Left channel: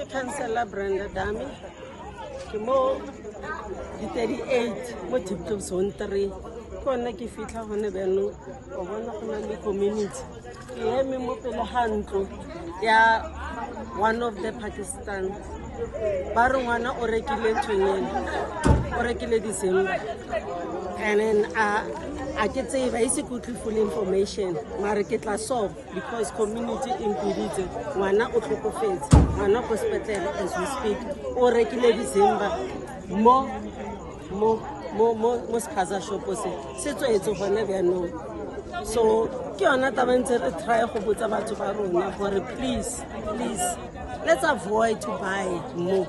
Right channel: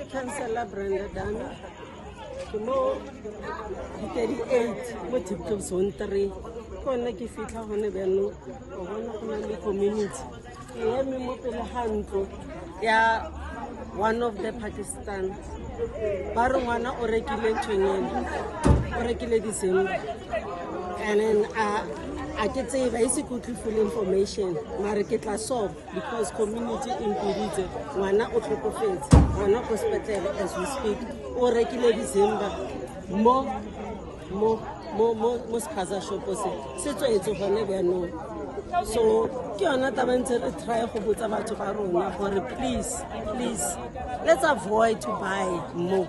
ke Councillor Brenda Dami ke mo 38 mo Diepkloof zone 3 kona ke fitla gone beno o bona go na le community ke eme mo pele hantlo ya one of the Pakistan ba re ngwana o rekile tshwenyene o rekile December and then I can say basic full information mara ke tla solve because community impedite ngwana o tlhokofetse ngwana go hospital as we speak o rekile December mo spaza shop se tswetse gone bjano so ke yona taba ntse re try go botsa batho ba rona gore please let's avoid to buy more.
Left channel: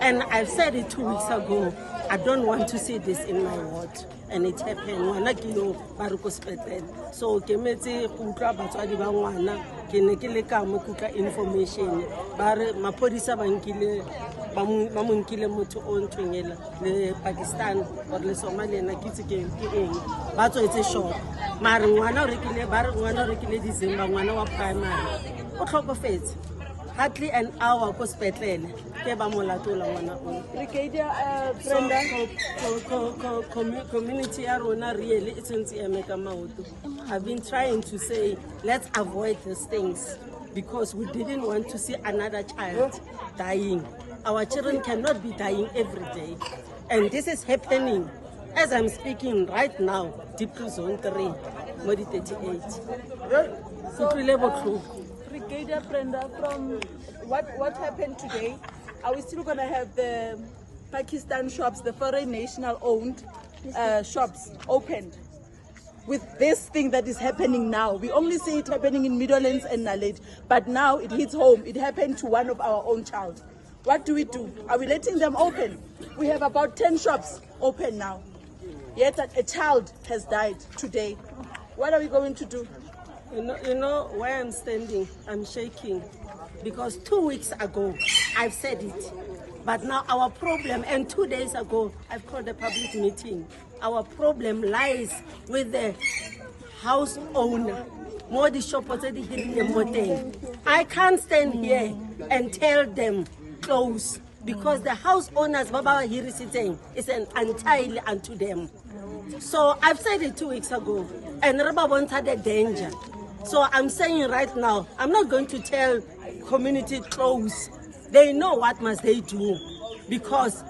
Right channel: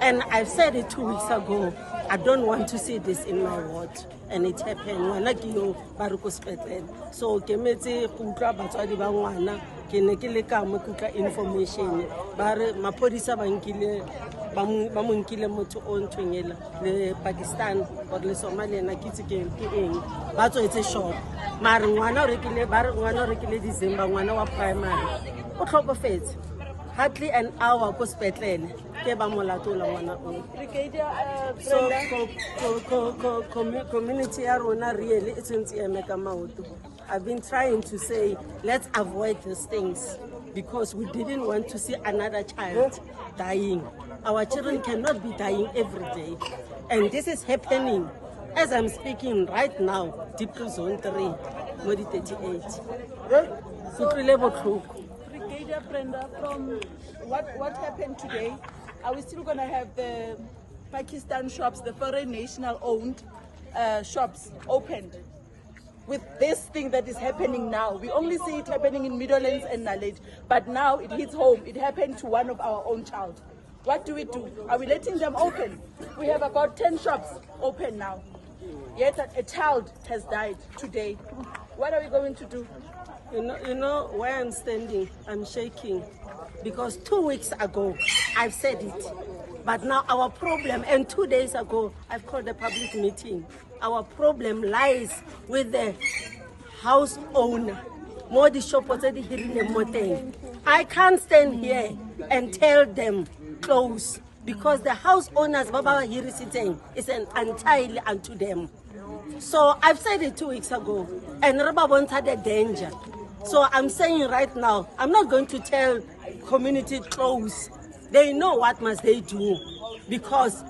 And I've said it 2 weeks ago. I don't want to see this in my ward. And it happened. Ngwana ke yo ba re ko hospital. So ke metse go utlwa batswadi ba ngwana ke ne ke le ka mo kuka information ba re maphodisa ba mo nkile motho o ntshwenyela le Pakistan or le Somalia na kitse ke eng ba tswetse shop mara ngwana o rekile ba re ngwana o rekile December ngwana wa primary o tlhokofetse hardly an hour ko hospital ke ba molatola ngwana o so community ya rona really it's ntse eme ka maoto. I've been trying to say let's avoid these things because we didn't want to see another child dying. Our children cannot be dying every day and this is happening as I'm speaking right now. Diepkloof zone 3 mo di 38 kutlile botlhoko. Brigadier Brenda, from what happened today, are we still going to have the Pakistan shops, the foreign national owned shops opened with this thing that is happening now? We only see it happening in Middlelands and Naledi, but now it hits home. It happened to one of our own child. What do we do? Are we letting them open? We have about 10 shops open now, yet a child has died today. What are we going to do? You know where I'm standing, I'm shaking because 2 weeks ago I've said it, but now our problem, and 2 days ago I've called a public meeting. Our problem lies with the house owner. More the shop was already hearing them. I can't stand here and tell them close because the house owners Baba here sitting is an entirely unto them. So I've said it 2 weeks ago, and Rababon had a danger. So I'm saying right now, I'm not going to tell community close. They know what must they do because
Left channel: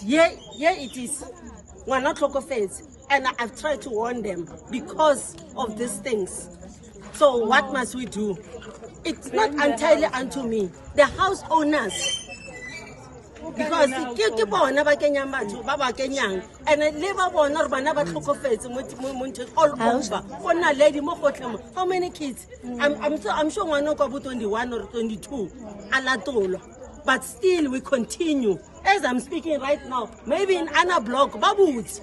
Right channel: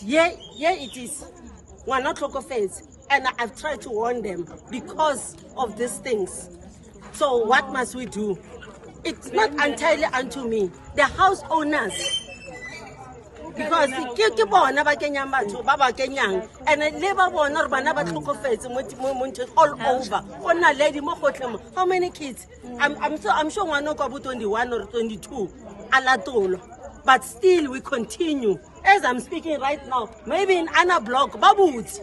yeah it is. We're not local face, and I've tried to warn them because of these things. So what must we do? It's not entirely unto me. The house owners. Because ke bona ba kenyang batho ba ba kenyang and le ba bona re bana ba tlhokofetse mo all over ona lady mo gotlhe. How many kids? I'm sure ngwana kwa bo 21 or 22 alatolo, but still we continue as I'm speaking right now. Maybe in Anna block babut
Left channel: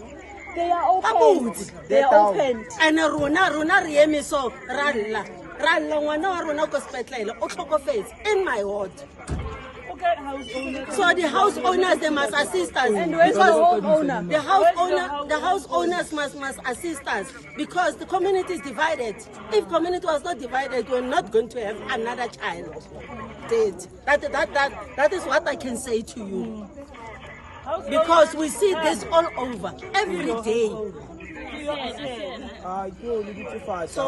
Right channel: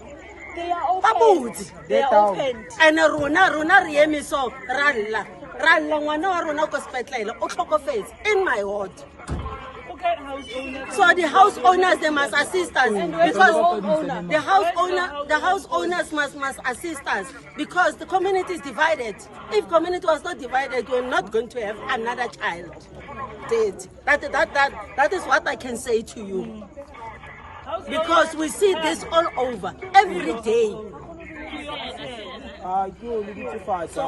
They are open. and rona re eme so ralla ngwana wa rona ko hospital o tlhokofetse in my ward. So the house owners, they must assist us because the house owners must assist us because the community is divided. If community was not divided, we're not going to have another child dead. That is what I can say to you because we see this all over every day. So, I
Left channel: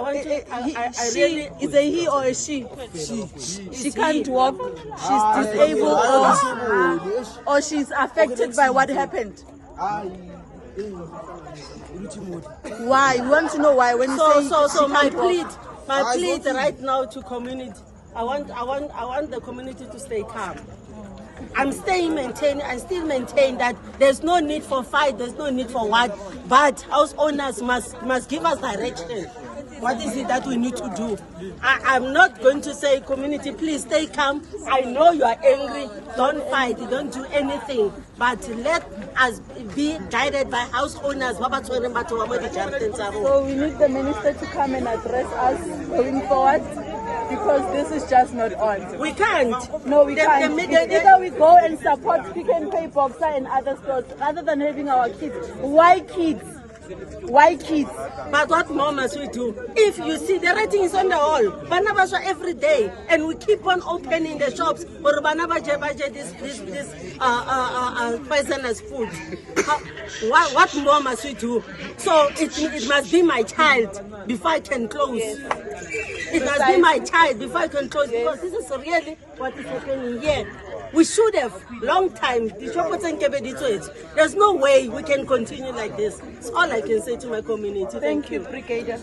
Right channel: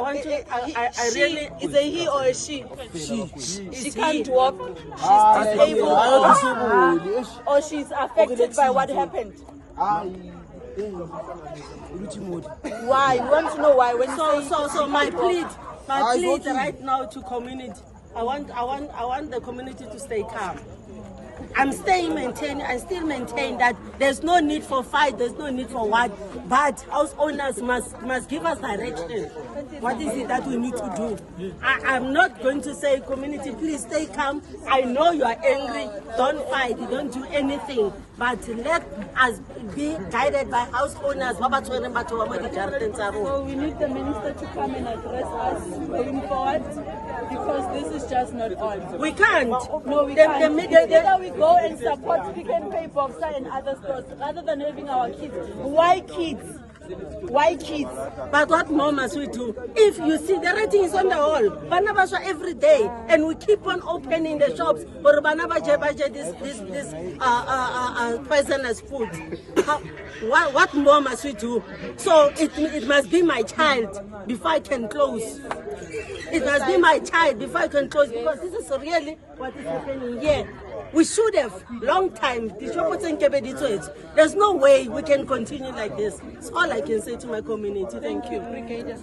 want to. I really. Is a he or a she? She can't walk. She's disabled, or she's affected by what happened. Why? You want to know why? When So my plea right now to community. I want the community to stay calm. I still maintain that there's no need for fight, there's no need for what, but house owners must give us direction. What is it that we need to do? I'm not going to say, community, please stay calm. I know you are angry. Don't fight. Don't do anything. But let us be guided by house owners. So we need the minister to come and address us going forward because this is just not on. We can't. No, we can't. Either we go and support Pick and Pay Boxer and other stores rather than having our kids. Why kids? Why kids? But what more must we do? If you see the rating is on the wall, Banabasha every day, and we keep on opening the shops for Banabaja this poisonous food. What more must we do? So it must be my child before I can close. It must be my child before I can close, because this is really what is happening here. We should have long time. There's no way we can continue like this. It's all I can say to my community. Thank you. Brigadier.